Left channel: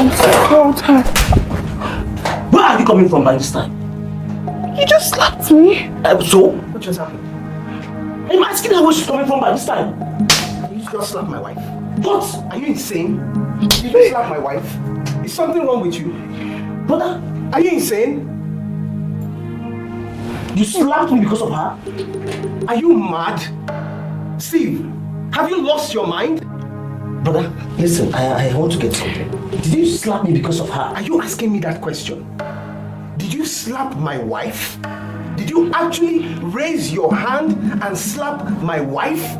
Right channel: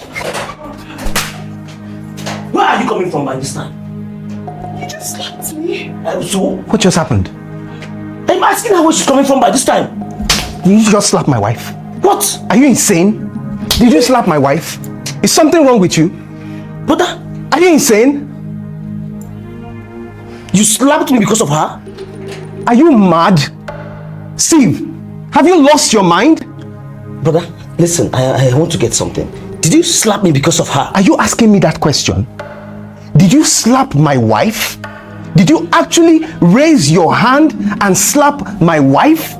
I'm so tired. Where are you coming from by this time? You just slapped me. So? What just happened? I'm asking her where she's coming from by this time. You just slapped my wife. What? Are you insane? Did you slap my wife? Is something wrong with you? Brother, are you insane? You slapped me because of her? Are you mad? Steve, have you lost your mind? Brother, listen, I want to get something. Did you slap me because of her? Are you asking me that question? Did you slap my wife? Did you actually raise your hand and slap my wife?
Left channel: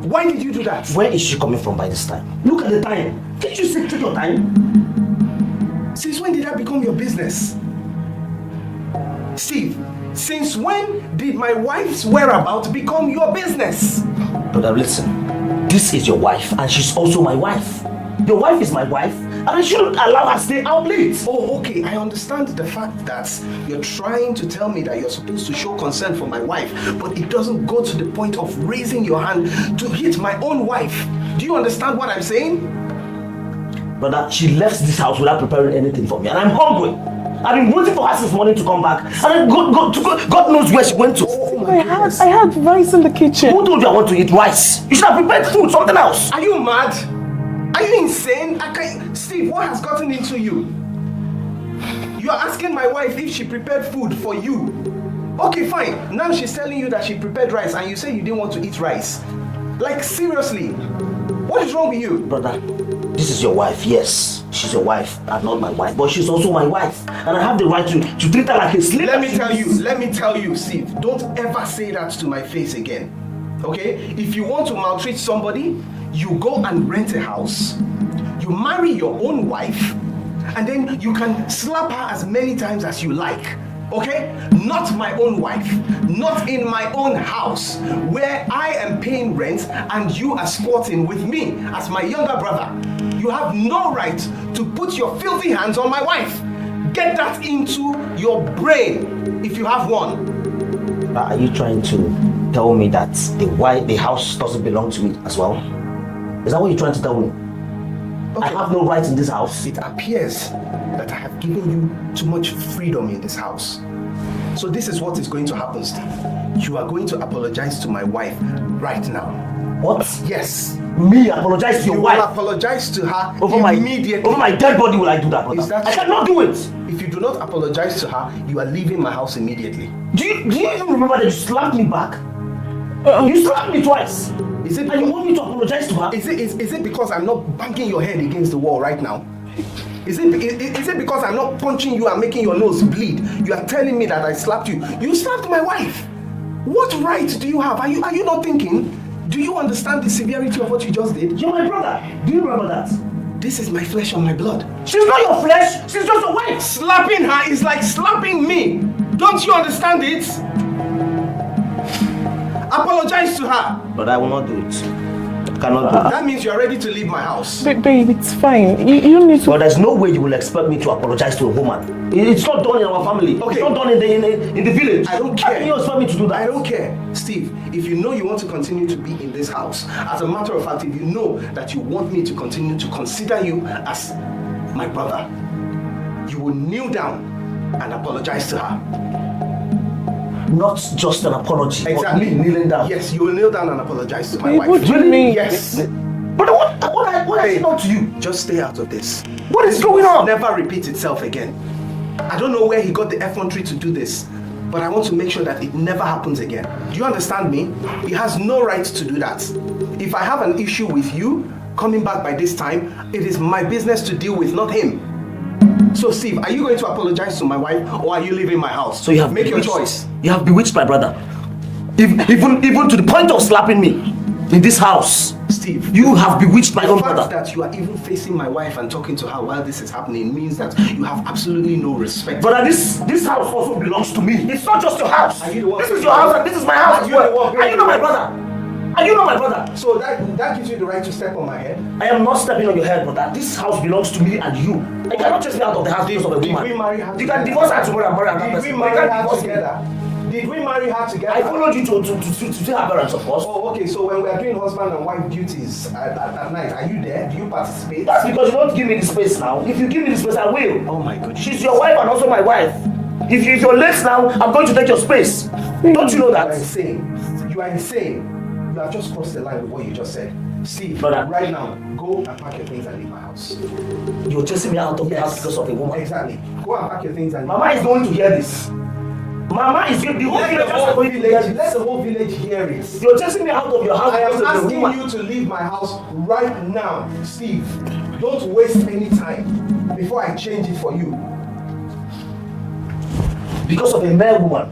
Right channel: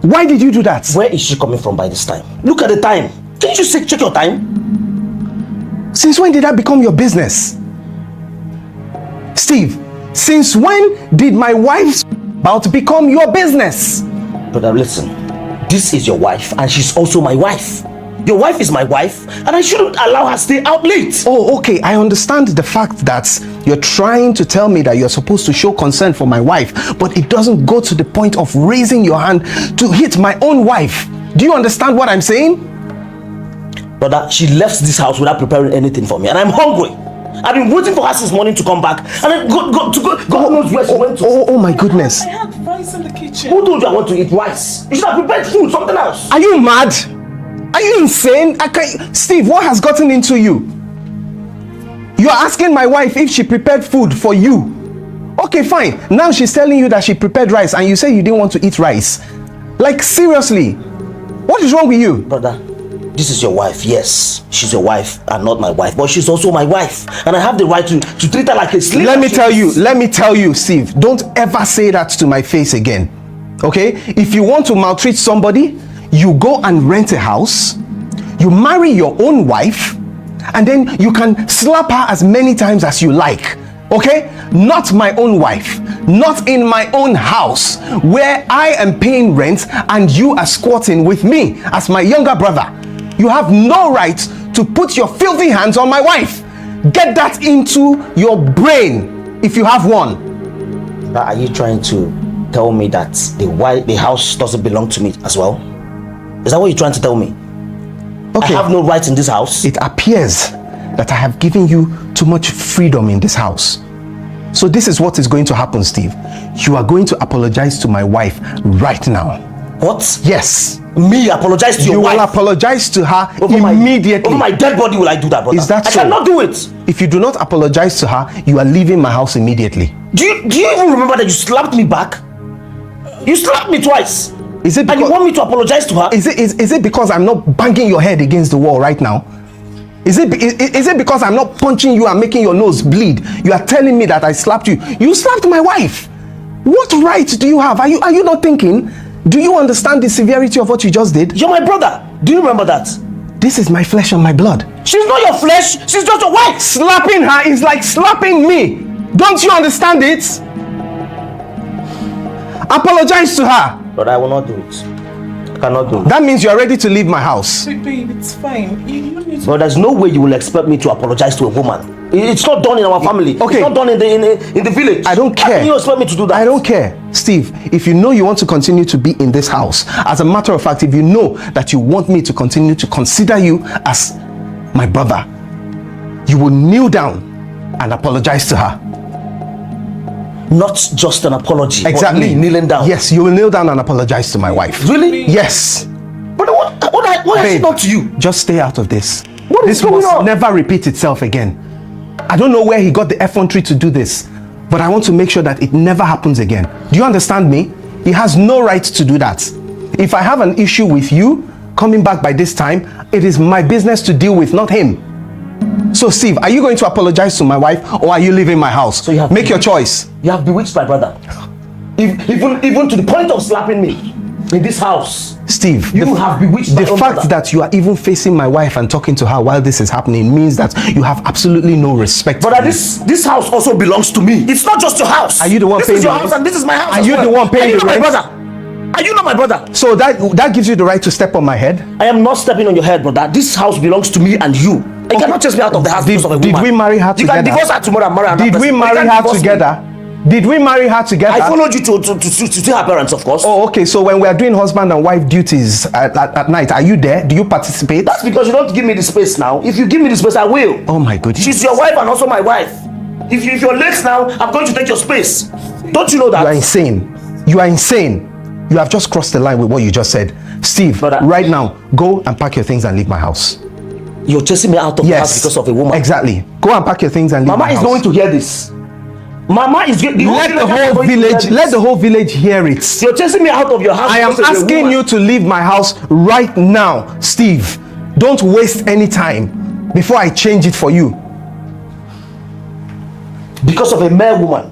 Why did you do that? Where is she coming from by this time? Look at the time. Can't you check your time? Since when did that become your business? Steve, since when did my wife's whereabouts become your business? Brother, listen. This is your wife and she's also my wife. Your wife is my wife and I shouldn't allow her to stay out late. Oh, okay. I understand the fact that you're trying to tell me that you're supposed to show concern for my wife, but it doesn't go to the point of raising your hand to hit my own wife. Do you understand what I'm saying? Brother, she left this house without preparing anything for me and I'm hungry. I've been waiting for her since morning to come back and God knows where she went to. Oh my goodness. I had rice in the kitchen. Who told you I want to eat rice? You should have prepared food, something else. Are you mad? Are you insane? Steve, what has gotten into you? You're asking my wife if she prepared food for you. Okay, fine. Now she's telling you that she prepared rice and you say you didn't want to eat rice. Like, seriously, what is wrong with you? Brother, this is your wife. Yes, she's your wife and not my wife, but she's also my wife and I have the right to treat her like a slave. Let me tell you, Steve, don't ever say that to my face again. Okay? If you want to maltreat somebody, you go and rent a house, you marry your own wife, and then you can slap her as many times as you like. Okay? Not my own wife, not in my own house where I am paying rent and you are squatting with me as my younger brother. You have no right to put your filthy hands on my wife. Get that into your brain if you have one. Are you trying to tell me that the house doesn't belong to me as well? Is that what you're trying to tell me? Okay. I have no rights in this house. It appears that I have given you too much freedom in this house. So this is what is going to happen, Steve. You are going to apologize to my wife right now. What? Yes. Me apologize to your wife? You will apologize to her immediately. Over my dead body will I do that, brother? Is that so? I cannot do it. If you do not apologize to her, you are leaving my house immediately. Do you even remember that you slapped me back? You slapped me twice. Is it because, and you want me to apologize to her? Is it because I'm not banging your head against the wall right now? Is it because I'm not punching you and making your nose bleed? You are telling me that I slapped you. You slapped my wife. What right do you have? Are you not thinking? Do you understand the severity of what you just did? You're my brother. Do you remember that? This is my flesh and my blood. She's not your flesh. She's just your wife. Slapping her is like slapping me. Don't you understand it? Apologize to her. But I will not do it. I cannot do it. That means you're ready to leave my house. Babe, it's fine. You need to... But there's no way you will expect me to apologize to a woman. It's not done in our family. Okay. It's not done in the village. I don't care. How can you expect me to do that? I don't care. Steve, if you know you want to continue to be in this house, as a matter of fact, if you know that you want me to continue to consider you as my brother, you will kneel down and apologize to her. Not just an apology. Exactly. But me kneeling down. Yes, you will kneel down and apologize to my wife. Really? Yes. But what has she done to you? Just stay out of this. What is this going on? Never repeat itself again. I don't know where he got the effrontery to do this, but I want to make sure that it never happens again. Do you understand me? He has no right to do that. If I have an issue with you coming back by this time, it is my business to deal with, not him. So Steve, are you going to apologize to my wife or are you leaving my house? So you have Make your choice. You have bewitched my brother. Even to the point of slapping me in this house. Steve, you have bewitched my own brother. The fact that you are even facing my wife and talking to her while this is happening means that you have absolutely no respect. But this house also belongs to me. It's not just your house. Are you the one paying the rent? This is your house and this is my house. Are you the one paying the rent? Are you not my brother? Are you not my brother? So that gives you the right to step on my head? I am not stepping on your head, brother. This house belongs to me and you. You cannot chase me out of the house because of a woman. Did we marry her together? You can divorce her tomorrow and marry her. Did we marry her together? Did we marry her together? I followed you to see her parents, of course. Oh, okay. So when we are doing husband and wife duties at night, are you there? Do you participate? That's because you don't give me the space now. If you give me the space, I will. Oh my goodness. She's your wife and also my wife. If you're late now, I'm going to take your space. Don't you know that? You are insane. You are insane. You have just crossed the line with what you just said. Steve, Brother, right now, go and pack your things and leave my house. You're chasing me out of the house because of a woman. Exactly. Go and pack your things and leave Mama my house. is going to hear this. Mama is going to let the whole village hear it. You're chasing me out of your house. I am asking you to leave my house right now, Steve. Don't waste any time before I change it for you. Because of a mere woman.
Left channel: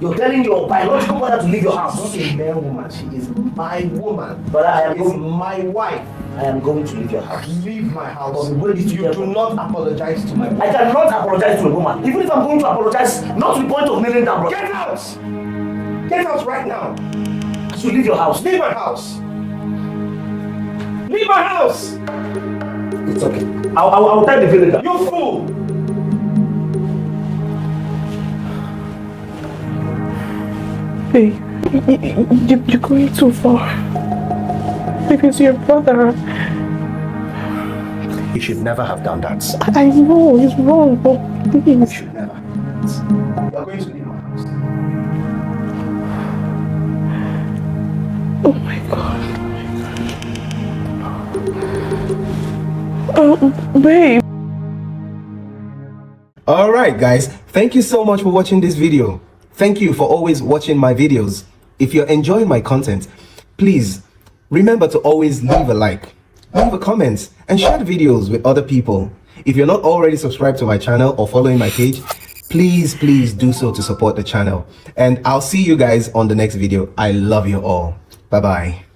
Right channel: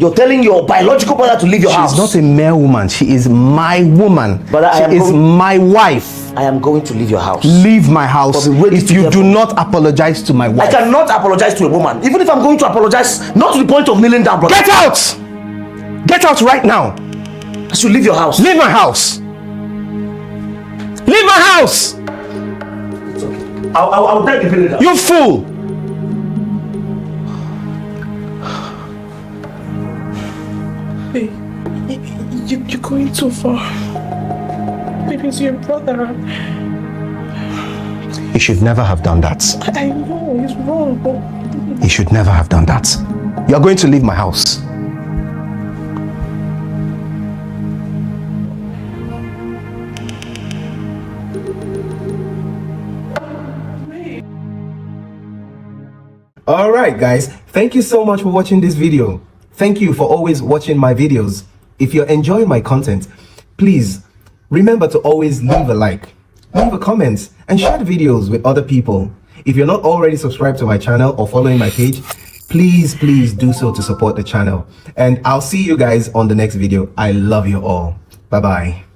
You're telling your biological mother to leave your house. She's not a mere woman. She is my woman. She is my wife. I am going to leave your house. Leave my house if you do not apologize to my wife. I cannot apologize to a woman. Even if I'm going to apologize, not to the point of kneeling down, brother. Get out! Get out right now. I should leave your house. Leave my house. Leave my house. It's okay. I'll tell the villager. You fool. Hey, you're going too far. Because you're a brother. He should never have done that. I know, it's wrong, but please. He should never have done that. You're going to leave my house. Oh my God. Oh, babe. Alright guys, thank you so much for watching this video. Thank you for always watching my videos. If you're enjoying my content, please remember to always leave a like, leave a comment, and share the videos with other people. If you're not already subscribed to my channel or following my page, please do so to support the channel. And I'll see you guys on the next video. I love you all. Bye bye.